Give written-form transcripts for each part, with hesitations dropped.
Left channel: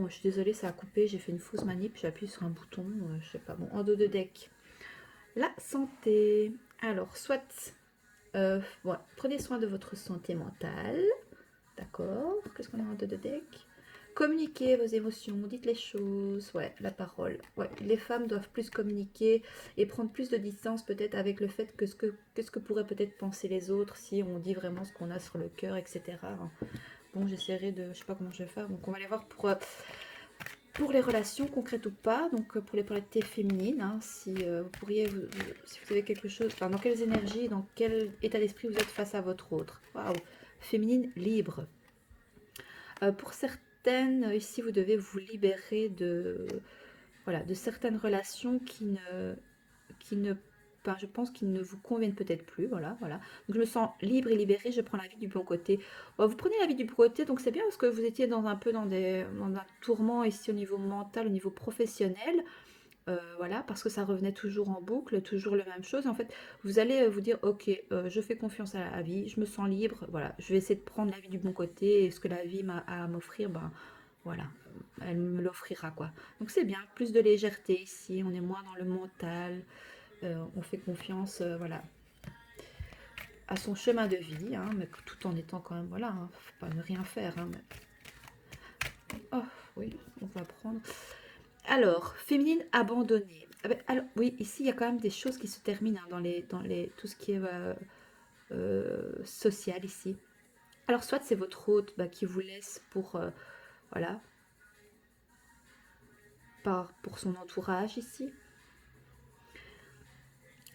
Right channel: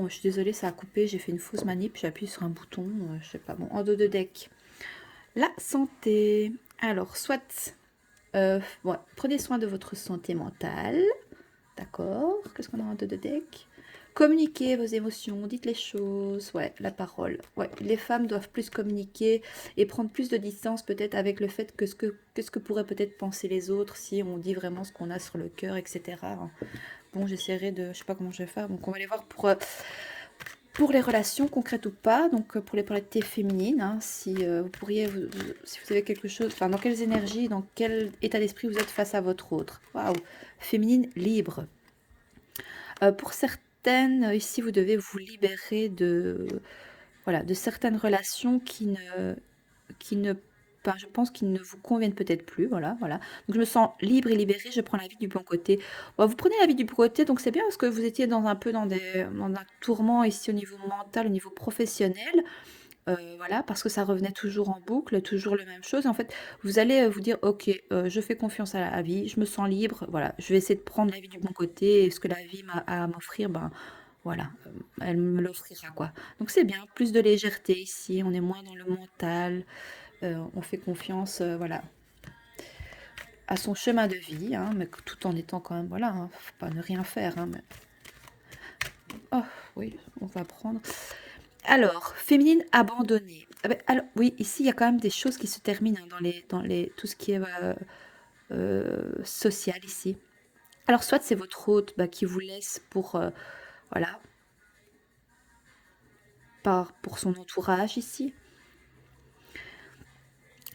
Bon, je suis désolée, ça a coupé, j'ai fait une fausse manip, j'ai appuyé sur un bouton, je sais pas. Bon, en dos de deck. La santé. Alors, soit, bon, prenez soin de votre santé mentale. D'accord. Qu'est-ce qu'on a en dos de deck? Communiquez vos émotions, dites les choses. Ouais, la parole. Ouais, les femmes doivent plus communiquer et prendre plus de distance peut-être avec le fait que ce que pourraient peut-être penser les autres si on dit vraiment ce qu'on a sur le cœur, etc. Bon, j'essaierai de... Je sais pas comment je vais faire. Donc, on va aller voir pour les relations concrètes ou pas. Donc, pour les polarités féminines, hein, si vous pourriez... si vous avez quelque chose... Enfin, dans quelles énergies, dans quel état d'esprit vous êtes face à votre autre. Waouh. Féminine libre. Pour certaines, ici, vous devez vous libérer de... Voilà, de certaines relations qui ne pas, je pense qu'ils ne vous conviennent peut-être plus, voilà, voilà. Donc je me sens libre et libérée, je prends la vie du bon côté. Bon, vous prenez la vie du bon côté, donc c'est bien parce que vous étiez dans un peu dans un tourment ici au niveau mental, au niveau professionnel, voilà, parce que ça revenait toujours en boucle, toujours la même chose. En fait, vous allez vous dire, ok, je fais confiance à la vie, je me sens libre, voilà, je vais essayer de prendre la vie du bon côté et ce que la vie m'a à m'offrir, ben voilà, elle me l'offrira quoi. Donc c'est bien, plus de légèreté ici, on est moins dans le mental, on fait confiance, voilà, à son chemin de vie, hein, mais tout en étant quand même, voilà, hein, faut pas ne rien faire. Hein, mais... Oh, oui, on va prendre. Alors, féminine abandonnée. Ah ben, alors, oui, ici, il y a quand même des choses qui se terminent hein, tout ce qui est social ici. Alors, soit c'est votre hôte bah, qui vous laisse pour, voilà, pour son entourage ici.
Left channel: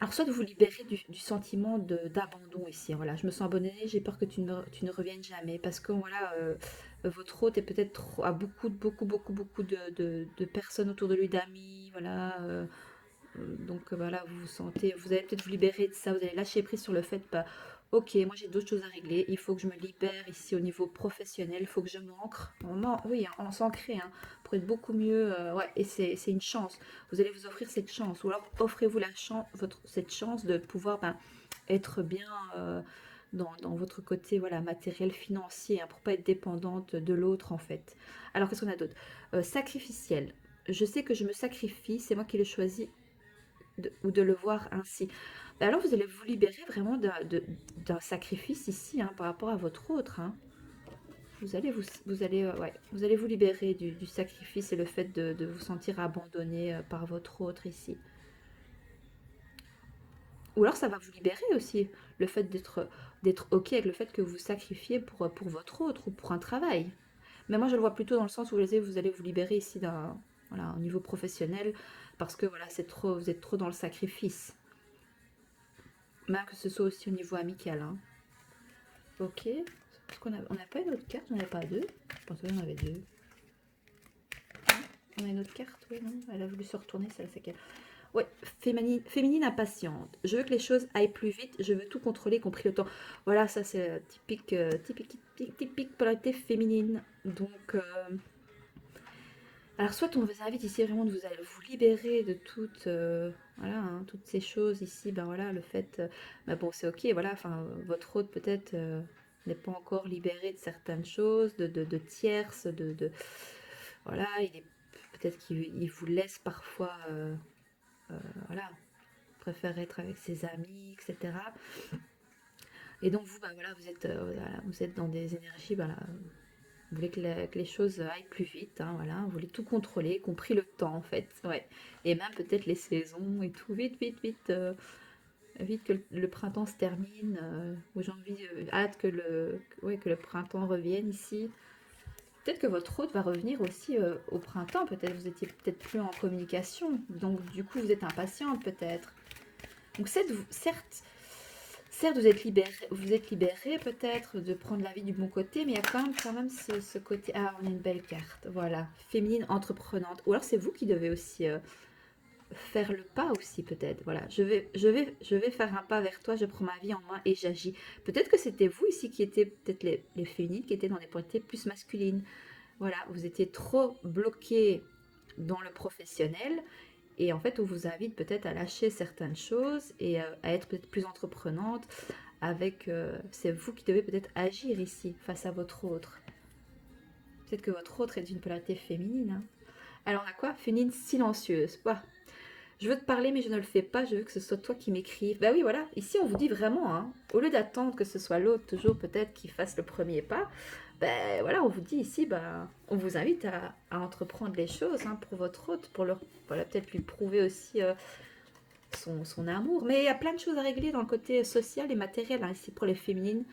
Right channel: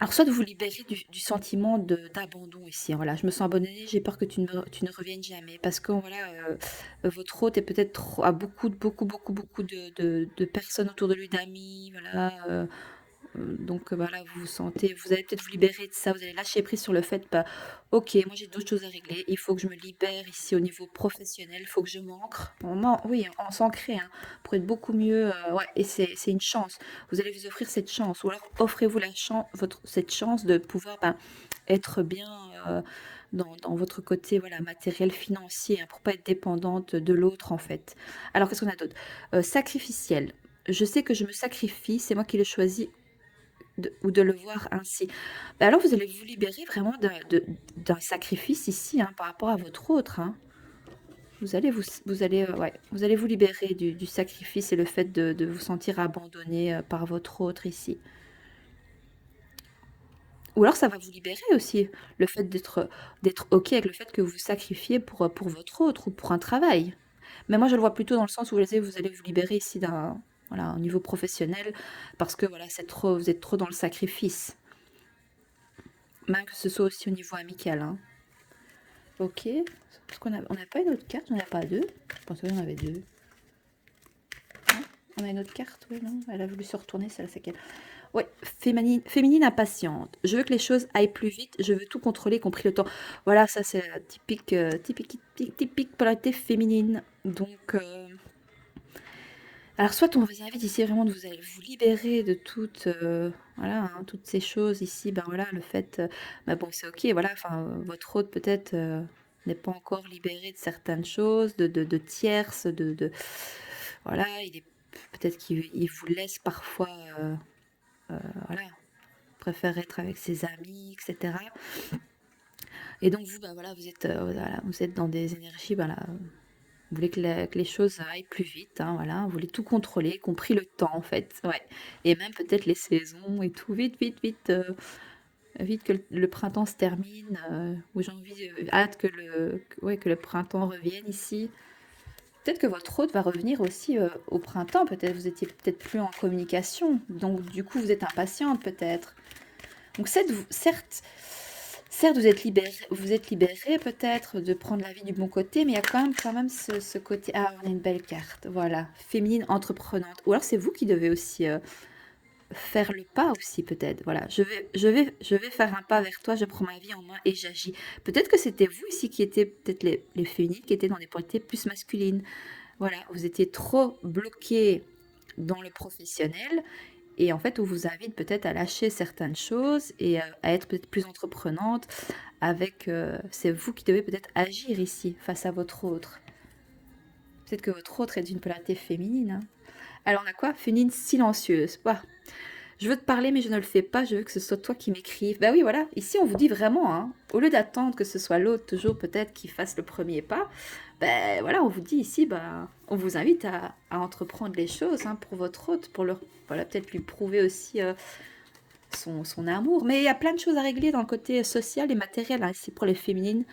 Alors, soit vous libérez du sentiment d'abandon ici. Voilà, je me sens abandonnée, j'ai peur que tu ne reviennes jamais. Parce que voilà, votre hôte est peut-être a beaucoup de personnes autour de lui, d'amis. Voilà, donc voilà, vous vous sentez, vous allez peut-être vous libérer de ça, vous allez lâcher prise sur le fait, bah, ok, moi j'ai d'autres choses à régler, il faut que je me libère ici au niveau professionnel, il faut que je m'ancre. Oui, on s'ancrer hein, pour être beaucoup mieux, ouais, et c'est une chance. Vous allez vous offrir cette chance, ou alors offrez-vous cette chance de pouvoir ben, être bien dans votre côté voilà, matériel, financier, hein, pour pas être dépendante de l'autre en fait. Alors qu'est-ce qu'on a d'autre? Sacrificiel. Je sais que je me sacrifie, c'est moi qui le choisis ou de le voir ainsi. Bah alors vous allez vous libérer vraiment d'un sacrifice ici hein, par rapport à votre autre. Hein. Ouais, vous allez vous libérer du sacrifice et le fait de vous sentir abandonné par votre autre ici. Ou alors ça va vous libérer aussi, le fait d'être OK avec le fait que vous sacrifiez pour votre autre ou pour un travail. Mais moi je le vois plutôt dans le sens où vous allez vous libérer ici d'un voilà, un niveau professionnel parce que voilà, c'est trop, vous êtes trop dans le sacrifice. Même que ce soit aussi au niveau amical. Hein. Ok. Parce qu'on on n'a pas une autre carte, on n'a pas deux. Je pensais qu'on avait deux. On a une autre carte, oui, non? Elle a voulu se retourner, celle c'est qu'elle. Oui, féminine impatiente. Je veux que les choses aillent plus vite, je veux tout contrôler, y compris le temps. Voilà, ça c'est typique polarité féminine. Donc, alors soit on vous invite ici vraiment de vous libérer de toutes, voilà, hein, toutes ces choses ici, ben voilà, le fait, ben bon c'est ok, voilà, enfin votre hôte peut-être n'est pas encore libéré de certaines choses, de tierces, voilà, il est peut-être qu'il vous laisse parfois, voilà, préfère être avec ses amis, etc. Et donc vous, ben voilà, voilà, vous êtes dans des énergies, voilà, vous voulez que les choses aillent plus vite, hein, voilà. Vous voulez tout contrôler, y compris le temps, en fait. Ouais. Et même peut-être les saisons et tout. Vite que le printemps se termine. Ou j'ai envie, hâte ouais, que le printemps revienne ici. Peut-être que votre hôte va revenir aussi au printemps. Peut-être vous étiez peut-être plus en communication. Donc, du coup, vous êtes impatiente, peut-être. Donc, certes, vous êtes libéré peut-être de prendre la vie du bon côté, mais il y a quand même ce côté. Ah, on a une belle carte, voilà, féminine entreprenante. Ou alors c'est vous qui devez aussi faire le pas aussi peut-être. Voilà, je vais faire un pas vers toi, je prends ma vie en main et j'agis. Peut-être que c'était vous ici qui étiez peut-être les féminines qui étaient dans des polarités plus masculines. Voilà, vous étiez trop bloqué dans le professionnel et en fait, on vous invite peut-être à lâcher certaines choses et à être peut-être plus entreprenante avec... c'est vous qui devez peut-être agir ici face à votre autre. Peut-être que votre autre est d'une polarité féminine. Hein. Alors on a quoi? Féminine silencieuse. Bah, je veux te parler, mais je ne le fais pas. Je veux que ce soit toi qui m'écrives. Bah oui, voilà. Ici, on vous dit vraiment, hein, au lieu d'attendre que ce soit l'autre, toujours peut-être, qui fasse le premier pas, ben voilà, on vous dit ici, bah, on vous invite à entreprendre les choses hein, pour votre hôte, pour leur, voilà, peut-être lui prouver aussi son amour. Mais il y a plein de choses à régler dans le côté social et matériel, hein, ici pour les féminines,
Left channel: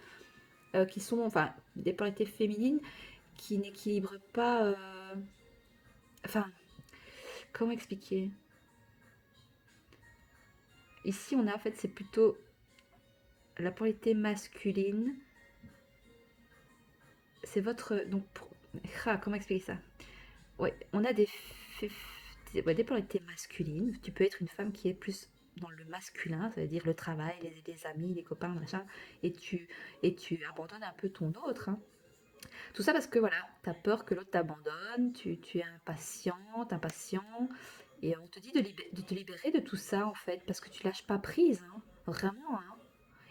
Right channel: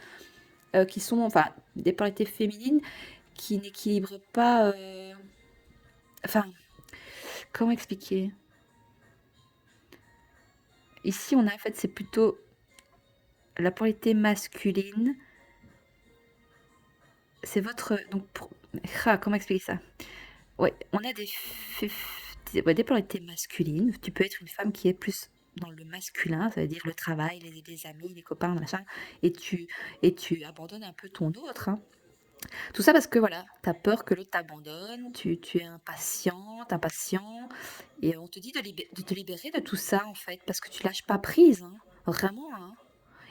qui sont, enfin, des polarités féminines qui n'équilibrent pas. Enfin, comment expliquer? Ici, on a en fait, c'est plutôt la polarité masculine. C'est votre. Donc, comment expliquer ça? Ouais, on a ouais, des polarités masculines. Tu peux être une femme qui est plus dans le masculin, ça veut dire le travail, les amis, les copains, machin, et tu abandonnes un peu ton autre. Hein. Tout ça parce que voilà, tu as peur que l'autre t'abandonne, tu es impatiente, impatient, et on te dit de te libérer de tout ça en fait, parce que tu lâches pas prise, hein, vraiment. Hein.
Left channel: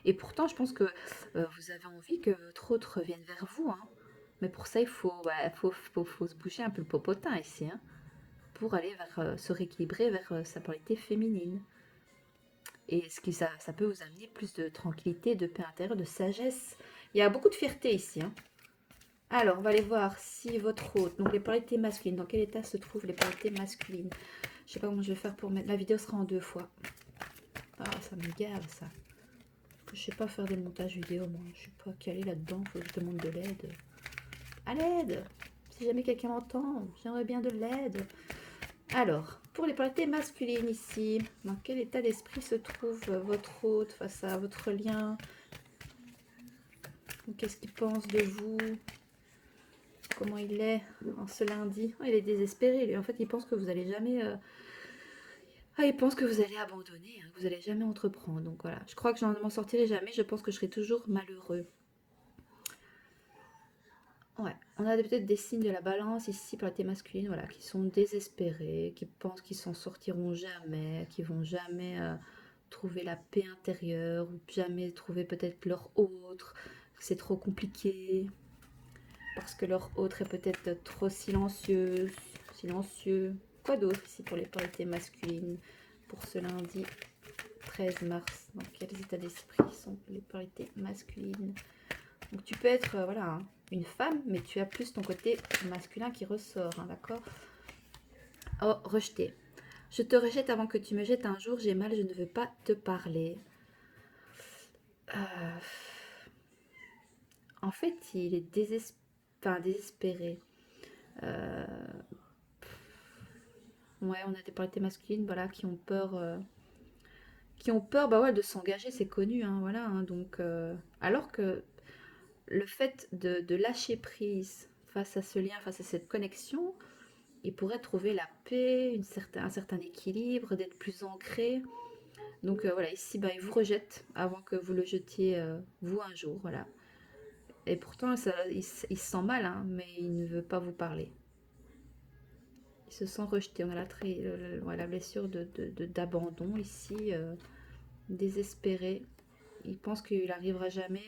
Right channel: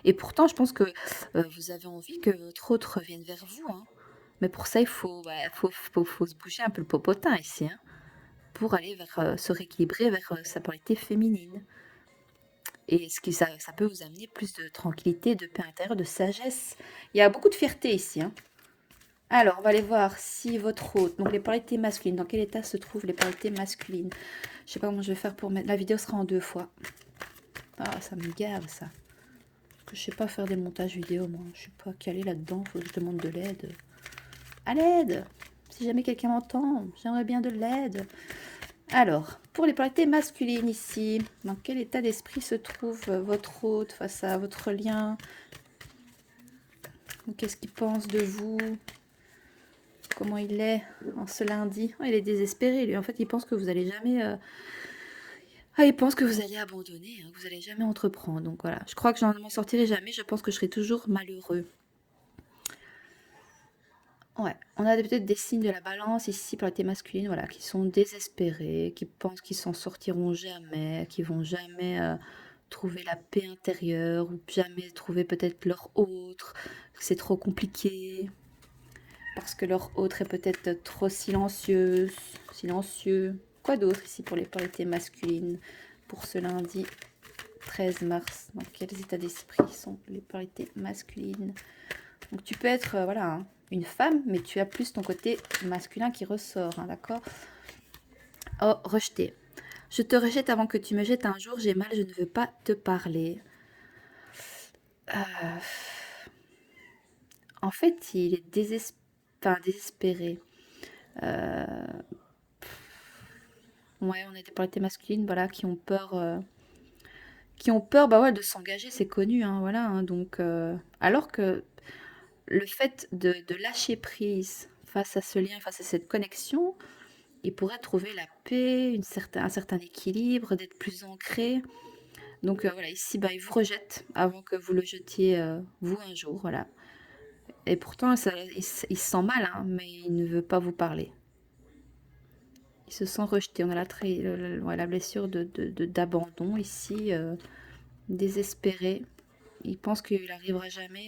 Et pourtant, je pense que vous avez envie que votre autre revienne vers vous. Hein. Mais pour ça, il faut, ouais, faut se bouger un peu le popotin ici, hein, pour aller vers, se rééquilibrer vers sa polarité féminine. Et ça peut vous amener plus de tranquillité, de paix intérieure, de sagesse. Il y a beaucoup de fierté ici. Hein. Alors, on va aller voir si votre hôte, donc les polarités masculines, dans quel état se trouvent les polarités masculines. Je sais pas comment je vais faire pour mettre. La vidéo sera en 2 fois. Ah, ça me gave ça. Je sais pas faire des montages vidéo, moi. Je suis pas calée là-dedans. Faut que je demande de l'aide. À l'aide! Si jamais quelqu'un m'entend, j'aimerais bien de l'aide. Alors, pour les polarités masculines ici, dans quel état d'esprit se trouve votre hôte face à votre lien? Qu'est-ce qu'il pense de vous? Comment il est en ce lundi? Oh, il est désespéré, lui. En fait, il pense que vous allez jamais... Ah, il pense que vous allez abandonner, hein, que vous allez jamais entreprendre. Donc voilà, je crois que je n'en m'en sortirai jamais. Je pense que je serai toujours malheureux. Ouais, on a peut-être des signes de la balance ici pour la thé masculine, voilà, qui sont désespérés, qui pensent qu'ils s'en sortiront jamais, qui vont jamais trouver la paix intérieure, ou jamais trouver peut-être leur autre, que c'est trop compliqué, parce que leur autre est peut-être trop silencieuse, silencieux. Quoi d'autre ici pour les polarités masculines pour ce lundi 13 mars? Dans quels états d'esprit sont les polarités masculines? Donc tu peux être, voilà, hein, une femme, mais tu as plus ton côté masculin qui ressort, hein, d'accord? Oh, rejeté. Je te rejette avant que tu me jettes un jour, j'ai mal, je ne veux pas te parler. En fait, il est désespéré. Ouais, on a des polarités masculines, voilà, qui ont peur, bah ouais, de s'engager, c'est connu, hein, voilà, hein, donc, alors que le fait de lâcher prise face à ce lien, face à cette connexion, il pourrait trouver la paix, un certain équilibre, d'être plus ancré. Donc voilà, ici, bah, il vous rejette avant que vous le jetiez, vous, un jour, voilà. Et pourtant, il se sent mal, hein, mais il ne veut pas vous parler. Il se sent rejeté. On a la blessure d'abandon ici, désespéré. Il pense qu'il n'arrivera jamais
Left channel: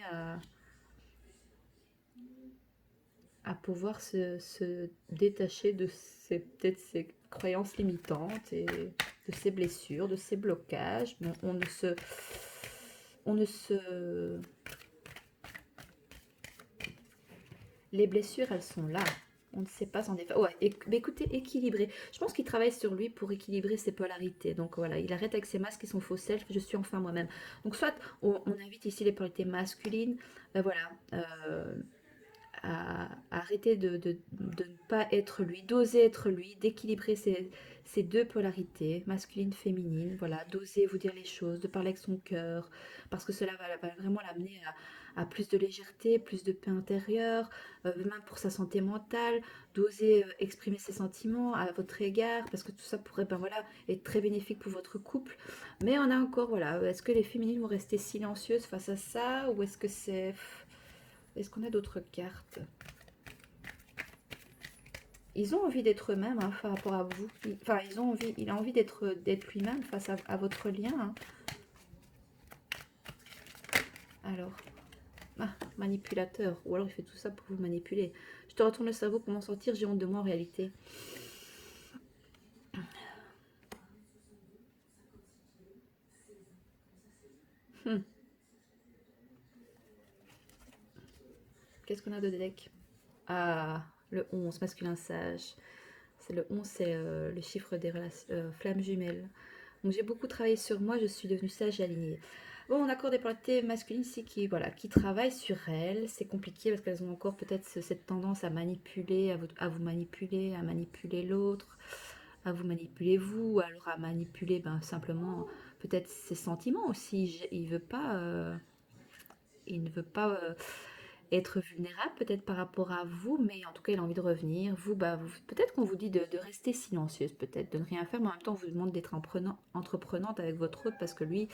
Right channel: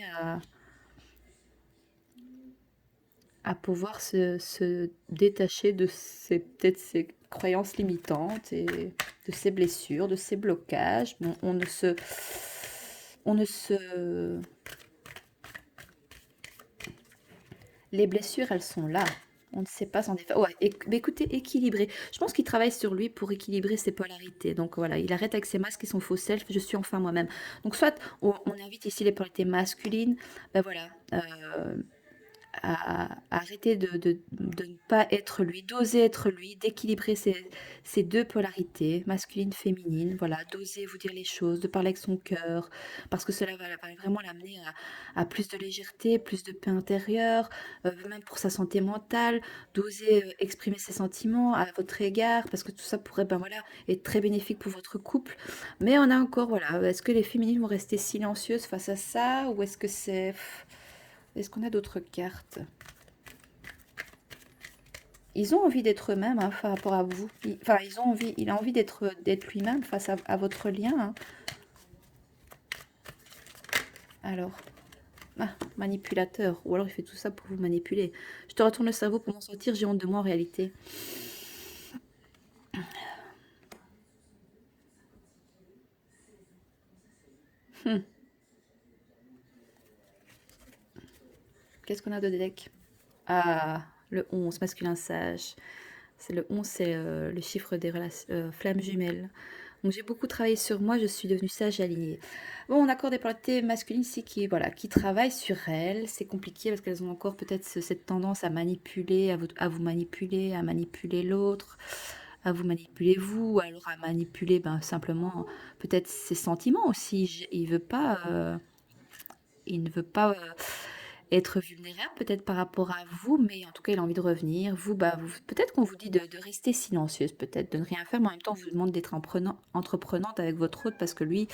à pouvoir se détacher de peut-être ses croyances limitantes et de ses blessures, de ses blocages. Bon, on ne se... Les blessures, elles sont là. On ne sait pas s'en défaire. Ouais, mais écoutez, équilibrer. Je pense qu'il travaille sur lui pour équilibrer ses polarités. Donc voilà, il arrête avec ses masques et son faux self. Je suis enfin moi-même. Donc soit on invite ici les polarités masculines. Ben voilà. À arrêter de ne pas être lui, d'oser être lui, d'équilibrer ces deux polarités, masculine, féminine, voilà, d'oser vous dire les choses, de parler avec son cœur, parce que cela va vraiment l'amener à plus de légèreté, plus de paix intérieure, même pour sa santé mentale, d'oser exprimer ses sentiments à votre égard, parce que tout ça pourrait ben voilà, être très bénéfique pour votre couple. Mais on a encore, voilà, est-ce que les féminines vont rester silencieuses face à ça, ou est-ce que c'est... Est-ce qu'on a d'autres cartes? Ils ont envie d'être eux-mêmes hein, par rapport à vous. Enfin, il a envie d'être lui-même face à votre lien. Hein. Alors, Ah, manipulateur. Ou alors il fait tout ça pour vous manipuler. Je te retourne le cerveau pour m'en sortir. J'ai honte de moi en réalité. Hum. Qu'est-ce qu'on a de deck? Ah, le 11, masculin sage. C'est le 11, c'est le chiffre des relations, flammes jumelles. Donc j'ai beaucoup travaillé sur moi, je suis devenue sage et alignée. Bon, on accorde des polarités masculines ici qui, voilà, qui travaillent sur elles. C'est compliqué parce qu'elles ont encore peut-être cette tendance à manipuler, à vous manipuler, à manipuler l'autre, à vous manipuler vous, alors à manipuler ben, simplement peut-être ses sentiments aussi. Il ne veut pas être vulnérable peut-être par rapport à vous, mais en tout cas, il a envie de revenir. Vous, bah, peut-être qu'on vous dit de rester silencieuse, peut-être de ne rien faire, mais en même temps, on vous demande d'être entreprenante avec votre hôte parce que lui,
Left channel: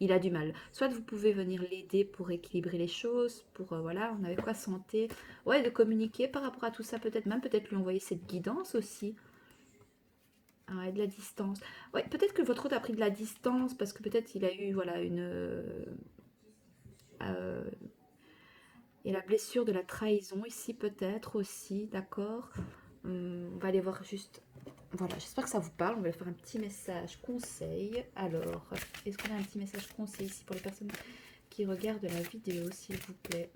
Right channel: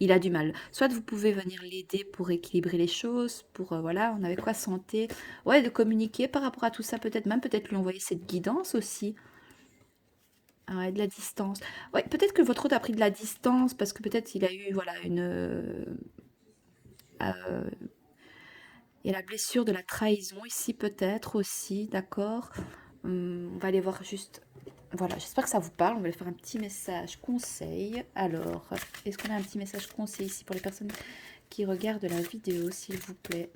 il a du mal. Soit vous pouvez venir l'aider pour équilibrer les choses, pour, voilà, on avait quoi, santé, ouais, de communiquer par rapport à tout ça, peut-être lui envoyer cette guidance aussi. Ah ouais, de la distance. Ouais, peut-être que votre hôte a pris de la distance parce que peut-être il a eu, voilà, euh, et la blessure de la trahison ici peut-être aussi, d'accord. On va aller voir juste. Voilà, j'espère que ça vous parle. On va faire un petit message conseil. Alors, est-ce qu'on a un petit message conseil ici pour les personnes qui regardent la vidéo, s'il vous plaît?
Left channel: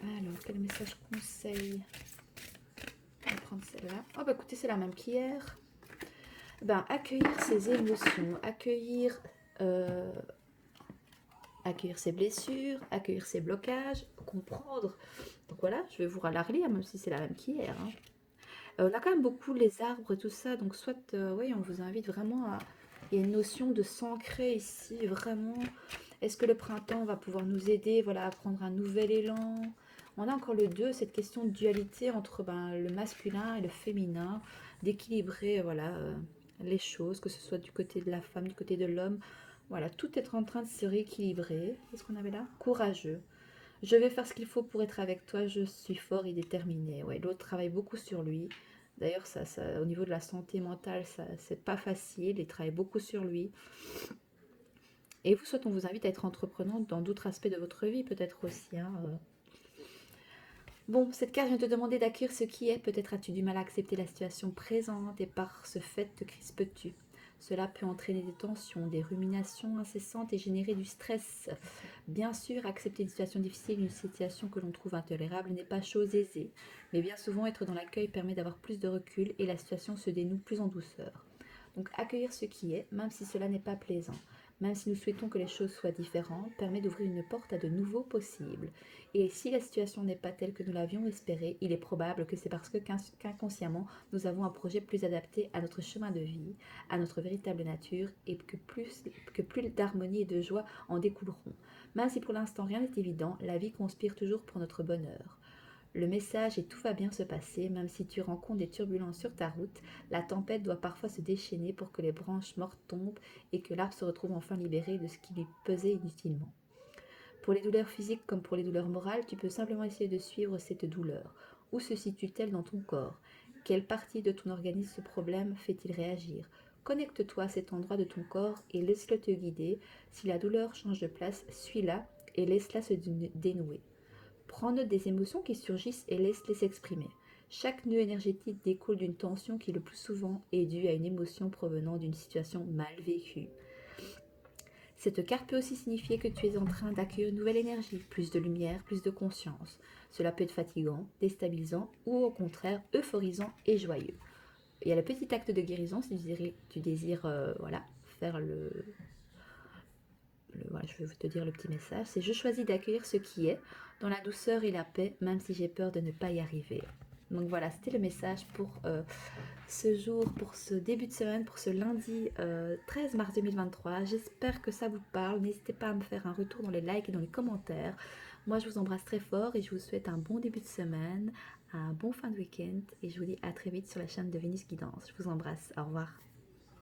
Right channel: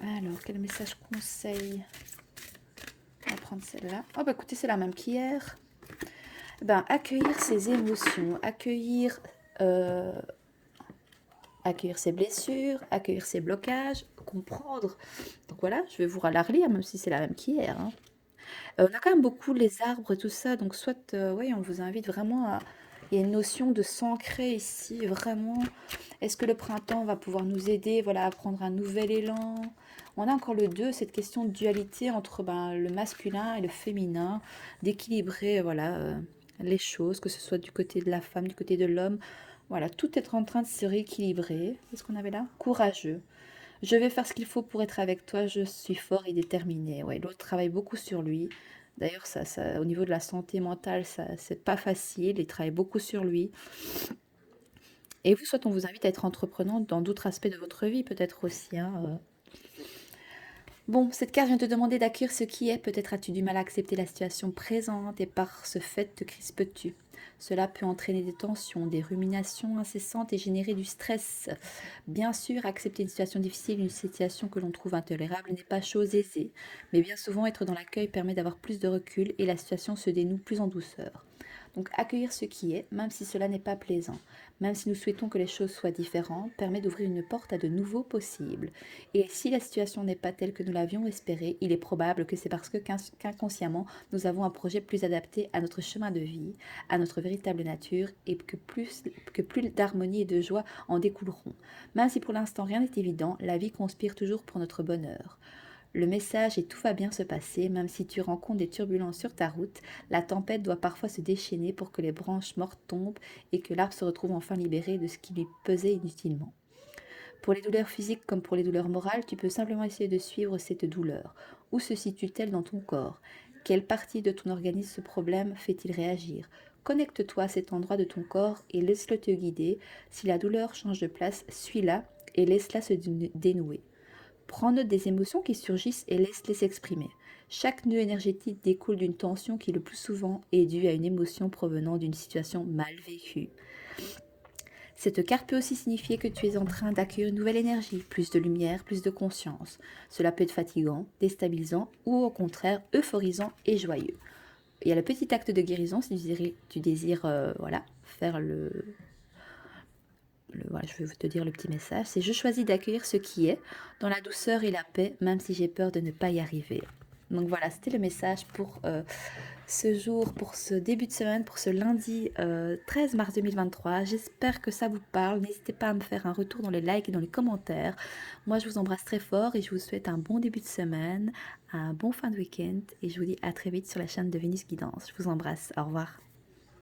Alors, quel message conseil? On va prendre celle-là. Oh, bah écoutez, c'est la même qu'hier. Ben, accueillir ses émotions, euh, accueillir ses blessures, accueillir ses blocages, comprendre. Donc voilà, je vais vous la relire, même si c'est la même qu'hier, hein. On a quand même beaucoup les arbres et tout ça, donc soit, oui, on vous invite vraiment à... Il y a une notion de s'ancrer ici, vraiment. Est-ce que le printemps va pouvoir nous aider, voilà, à prendre un nouvel élan? On a encore le 2, cette question de dualité entre ben, le masculin et le féminin, d'équilibrer, voilà, les choses, que ce soit du côté de la femme, du côté de l'homme. Voilà, tout est en train de se rééquilibrer. Qu'est-ce qu'on avait là? Courageux. Je vais faire ce qu'il faut pour être avec toi, je suis fort et déterminé. Ouais, l'autre travaille beaucoup sur lui. D'ailleurs, au niveau de la santé mentale, ça, c'est pas facile. Il travaille beaucoup sur lui. Et vous, soit on vous invite à être entreprenante dans d'autres aspects de votre vie, peut-être aussi, hein. Bon, cette carte vient te demander d'accueillir ce qui est. Peut-être as-tu du mal à accepter la situation présente et par ce fait te crispes-tu. Cela peut entraîner des tensions, des ruminations incessantes et générer du stress. Bien sûr, accepter une situation difficile, une situation que l'on trouve intolérable n'est pas chose aisée, mais bien souvent être dans l'accueil permet d'avoir plus de recul et la situation se dénoue plus en douceur. Donc accueillir ce qui est, même si cela n'est pas plaisant, même si nous souhaitons que les choses soient différentes, permet d'ouvrir une porte à de nouveaux possibles. Et si la situation n'est pas telle que nous l'avions espérée, il est probable que c'est parce que qu'inconsciemment, nous avons un projet plus adapté à notre chemin de vie, à notre véritable nature, et que plus d'harmonie et de joie en découleront. Même si pour l'instant rien n'est évident, la vie conspire toujours pour notre bonheur. Le message est tout va bien se passer, même si tu rencontres des turbulences sur ta route, la tempête doit parfois se déchaîner pour que les branches mortes tombent et que l'arbre se retrouve enfin libéré de ce qui lui pesait inutilement. Pour les douleurs physiques comme pour les douleurs morales, tu peux simplement essayer de suivre cette douleur. Où se situe-t-elle dans ton corps? Quelle partie de ton organisme ce problème fait-il réagir? Connecte-toi à cet endroit de ton corps et laisse-le te guider. Si la douleur change de place, suis-la et laisse-la se dénouer. Prends note des émotions qui surgissent et laisse-les s'exprimer. Chaque nœud énergétique découle d'une tension qui le plus souvent est due à une émotion provenant d'une situation mal vécue. Cette carte peut aussi signifier que tu es en train d'accueillir une nouvelle énergie, plus de lumière, plus de conscience. Cela peut être fatigant, déstabilisant ou au contraire euphorisant et joyeux. Il y a le petit acte de guérison si tu désires voilà, faire voilà, je vais te dire le petit message. C'est je choisis d'accueillir ce qui est dans la douceur et la paix, même si j'ai peur de ne pas y arriver. Donc voilà, c'était le message pour ce jour, pour ce début de semaine, pour ce lundi 13 mars 2023. J'espère que ça vous parle. N'hésitez pas à me faire un retour dans les likes et dans les commentaires. Moi, je vous embrasse très fort et je vous souhaite un bon début de semaine, un bon fin de week-end et je vous dis à très vite sur la chaîne de Vénus Guidance. Je vous embrasse. Au revoir.